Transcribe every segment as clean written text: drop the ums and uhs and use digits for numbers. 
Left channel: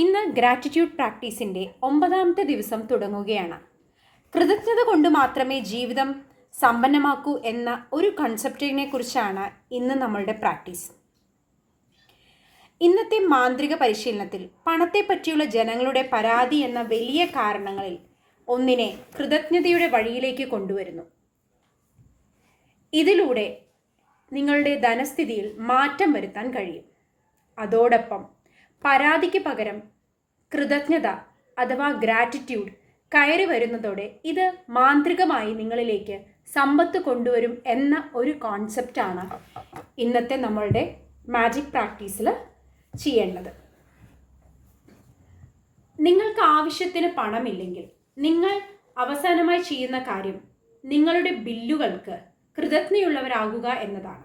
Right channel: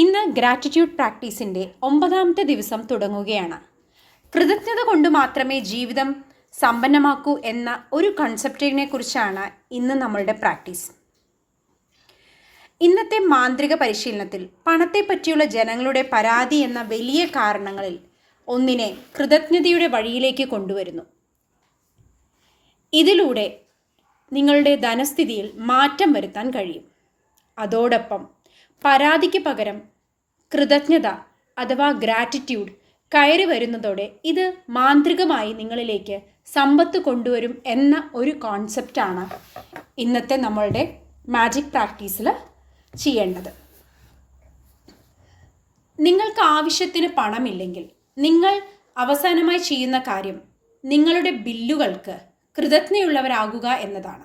ഇന്ന് ഗ്രാറ്റിറ്റ്യൂഡ് പ്രാക്ടീസിൻ്റെ 9ാമത്തെ ദിവസം തുടങ്ങുകയാണ്. കൃതജ്ഞത കൊണ്ട് മാത്രമേ ജീവിതം സമ്പന്നമാക്കൂ എന്ന ഒരു കൺസെപ്റ്റിനെ കുറിച്ചാണ് ഇന്ന് നമ്മളുടെ പ്രാക്ടീസ്. ഇന്നത്തെ മാന്ത്രിക പരിശീലനത്തിൽ പണത്തെ പറ്റിയുള്ള ജനങ്ങളുടെ പരാതി എന്ന വലിയ കാരണങ്ങളിൽ ഒന്നിനെ കൃതജ്ഞതയുടെ വഴിയിലേക്ക് കൊണ്ടുവരുന്നു. ഇതിലൂടെ നിങ്ങളുടെ ധനസ്ഥിതിയിൽ മാറ്റം വരുത്താൻ കഴിയും. അതോടൊപ്പം പരാതിക്ക് പകരം കൃതജ്ഞത അഥവാ ഗ്രാറ്റിറ്റ്യൂഡ് കയറി വരുന്നതോടെ ഇത് മാന്ത്രികമായി നിങ്ങളിലേക്ക് സമ്പത്ത് കൊണ്ടുവരും എന്ന ഒരു കോൺസെപ്റ്റാണ് ഇന്നത്തെ നമ്മളുടെ മാജിക് പ്രാക്ടീസിൽ ചെയ്യേണ്ടത്. നിങ്ങൾക്ക് ആവശ്യത്തിന് പണമില്ലെങ്കിൽ നിങ്ങൾ അവസാനമായി ചെയ്യുന്ന കാര്യം നിങ്ങളുടെ ബില്ലുകൾക്ക് കൃതജ്ഞയുള്ളവരാകുക എന്നതാണ്.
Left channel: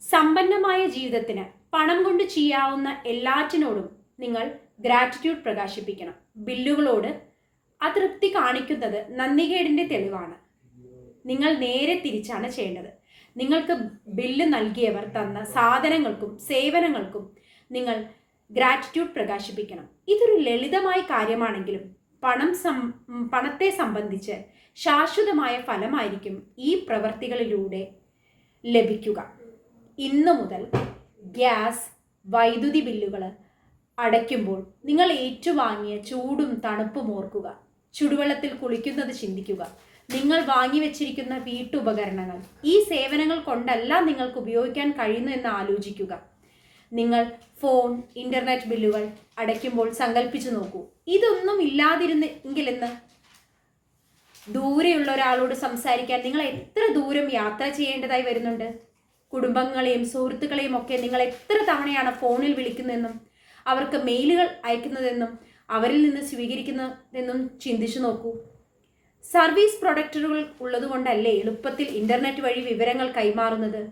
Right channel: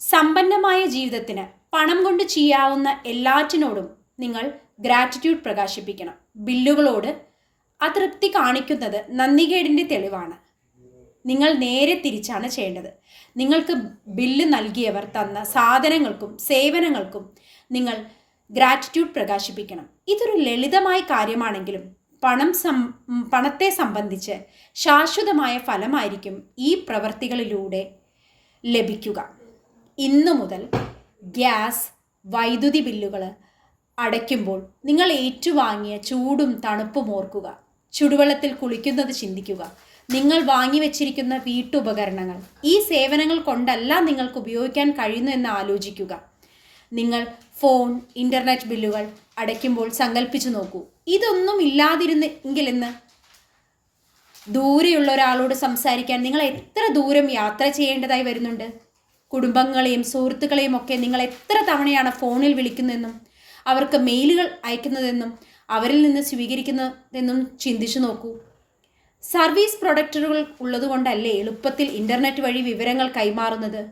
സമ്പന്നമായ ജീവിതത്തിന് പണം കൊണ്ട് ചെയ്യാവുന്ന എല്ലാറ്റിനോടും നിങ്ങൾ ഗ്രാറ്റിറ്റ്യൂഡ് പ്രകാശിപ്പിക്കണം. ബില്ലുകളോട് അതൃപ്തി കാണിക്കുന്നത് നന്ദികേടിൻ്റെ തെളിവാണ്. നിങ്ങൾ നേരെ തിരിച്ചാണ് ചെയ്യേണ്ടത്. നിങ്ങൾക്ക് ബില്ല് നൽകിയവർ തന്ന സാധനങ്ങൾക്കും സേവനങ്ങൾക്കും നിങ്ങൾ ഗ്രാറ്റിറ്റ്യൂഡ് പ്രകാശിപ്പിക്കണം. ഇതൊരു ലളിതമായ കാര്യമാണെങ്കിലും പണത്തെ സംബന്ധിച്ച് ശാശ്വതമായ ഫലമായിരിക്കും ഈ പ്രവൃത്തികളിലൂടെ ലഭിക്കുക. ഇന്നു മുതൽ ഗ്യാസ്, വൈദ്യുതി ബില്ലുകൾ അടയ്ക്കുമ്പോൾ നിങ്ങൾ ഏറ്റുവാങ്ങിയ ചൂടും തണുപ്പും ഓർക്കുക. ചുടുവെള്ളത്തിൽ കുളിക്കുന്നത് ചിന്തിക്കുക. നിങ്ങൾ വാങ്ങിവെച്ചിരിക്കുന്ന വീട്ടുപകരണങ്ങൾ ഈ സേവനങ്ങൾ കൊണ്ടല്ല നിങ്ങൾക്ക് ഉപയോഗിക്കാൻ കഴിയുന്നു എന്ന് ആലോചിക്കുക. നിങ്ങൾ ഫോൺ, ഇൻ്റർനെറ്റ് ബില്ലുകൾ അടയ്ക്കുമ്പോൾ സങ്കല്പിച്ചു നോക്കൂ, ഇതൊന്നും ഇല്ലാതിരുന്നെങ്കിൽ ഇന്ന് ദൂരെയുള്ള ഒരാളോട് സംസാരിക്കാൻ നിങ്ങൾ എത്ര ദൂരം യാത്ര ചെയ്യേണ്ടതായി വരുന്നുണ്ട്. കുടുംബങ്ങളെയും സുഹൃത്തുക്കളെയും ഒക്കെ നിങ്ങൾ എത്ര തവണയാണ് ഫോണിൽ വിളിക്കുന്നതെന്നും അവർക്ക് മെയിലുകൾ അയക്കുന്നതെന്നും അവരിൽ നിന്ന് സ്വീകരിക്കുന്നതെന്നും ചിന്തിച്ചു നോക്കൂ. സർവീസ് പ്രൊഡക്റ്റുകൾ ഉള്ളതുകൊണ്ടല്ലേ എളുപ്പത്തിൽ ഇൻ്റർനെറ്റ് വഴി വിവരങ്ങൾ കൈമാറുന്നത്.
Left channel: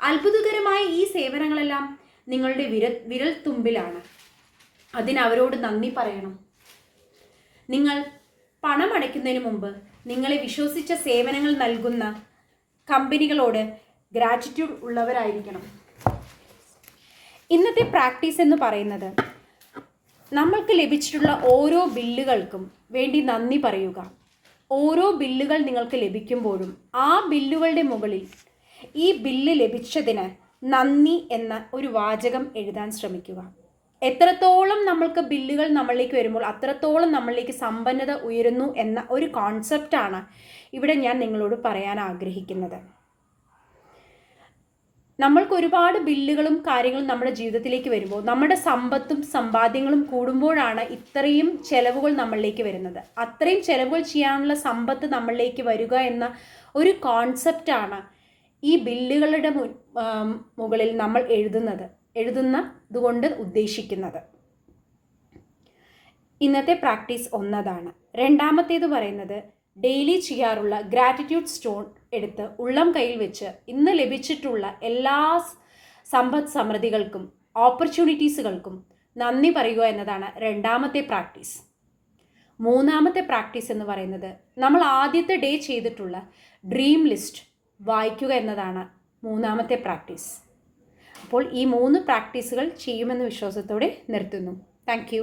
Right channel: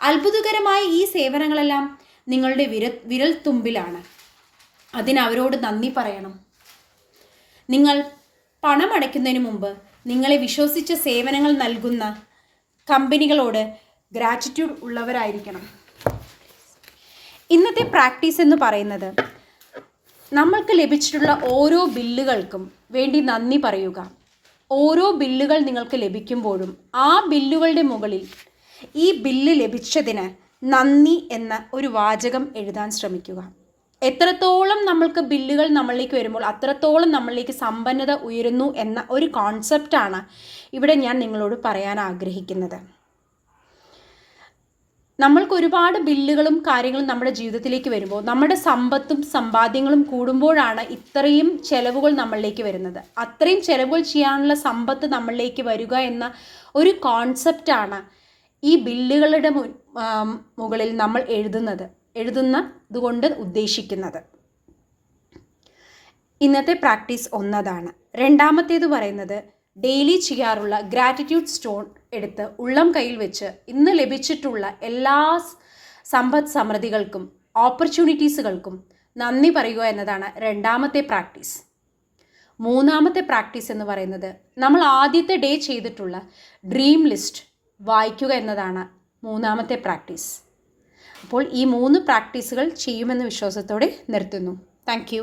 അത്ഭുതകരമായ ഈ സേവനങ്ങളെല്ലാം നിങ്ങളുടെ വിരൽ തുമ്പിലാണ്. അതിനവരോട് നന്ദി പറയണം. നിങ്ങൾ പണം അടയ്ക്കുന്നതിന് മുമ്പ് നിങ്ങളെ വിശ്വസിച്ച സേവനങ്ങൾ നൽകുന്ന കമ്പനികളോട് ഗ്രാറ്റിറ്റ്യൂഡ് ഉള്ളവരായിരിക്കണം. ഇന്നത്തെ പ്രാക്ടീസ് എന്ന് പറയുന്നത് നമ്മൾക്ക് ലഭിച്ചിട്ടുള്ള ഓരോ ബില്ലുകൾക്കും വേണ്ടി നന്ദി പറയുക. ഓരോ ബില്ലുകൾ നിങ്ങൾക്ക് ലഭിക്കുമ്പോഴും ആ ബില്ലുകളുടെ മുകളിൽ ഈ ബില്ല് ലഭിച്ചതിന് നന്ദി എന്ന ഒരു വാചകം എഴുതാൻ ശ്രമിക്കുക. എത്രത്തോളം നമ്മൾക്ക് ബില്ലുകൾ നമ്മളിലേക്ക് വരുമ്പോൾ അത്രത്തോളം നമ്മളിലേക്ക് സമ്പന്നത ഉയരുന്നു എന്ന ഒരു കോൺസെപ്റ്റാണ് ഇവിടെ ഞാൻ നിങ്ങളോട് പറയാൻ ആഗ്രഹിക്കുന്നത്. നമ്മൾക്ക് ഒരുപാട് ബില്ലുകളും കാര്യങ്ങളും നമ്മുടെ ജീവിതത്തിലേക്ക് വരുമ്പോൾ നമ്മുടെ സമ്പത്തും സമ്പാദ്യങ്ങളും കൂടുമ്പോഴാണ് ഇത്രയും ചെലവുകൾ നമ്മളിലേക്ക് വരുന്നത്. അത്രയും ചെലവുകൾ ചെയ്യാനുള്ള സമ്പത്ത് നമ്മളിലേക്ക് വരിക എന്ന ഒരു കോൺസെപ്റ്റാണ് ഈ ബില്ലുകളുടെ മുകളിൽ നമ്മൾ എഴുതുന്നതുകൊണ്ട് ഉദ്ദേശിക്കുന്നത്. ഇന്നത്തെ പ്രാക്ടീസ് ഒന്നതാണ്. രണ്ടാമത്തേത് പറയുന്നത് ഡെയിലി ചെയ്യാറുള്ള ഗ്രാറ്റിറ്റ്യൂഡ് സ്റ്റോൺ എടുത്ത് ഉള്ളം കയ്യിൽ വെച്ച് ഇന്ന് ലഭിച്ചിട്ടുള്ള എല്ലാ സമ്പദ് സമൃദ്ധികൾക്കും ഓപ്പർച്യൂണിറ്റീസുകൾക്കും നന്ദി പറയുക എന്നതാണ് രണ്ടാമത്തെ പ്രാക്ടീസ്. മൂന്നാമത്തെ പ്രാക്ടീസ് എന്ന് പറയുന്നത് നമ്മൾ ആദ്യത്തെ ഡേ ചെയ്തിട്ടുള്ള ഡ്രീം ലിസ്റ്റ് വായിക്കുക എന്നതാണ് മൂന്നാമത്തെ പ്രാക്ടീസ്. അപ്പോൾ ഈ 3 പ്രാക്ടീസുകൾ ചെയ്യുമെന്ന വിശ്വാസത്തോടെ നിർത്തുന്നു. താങ്ക്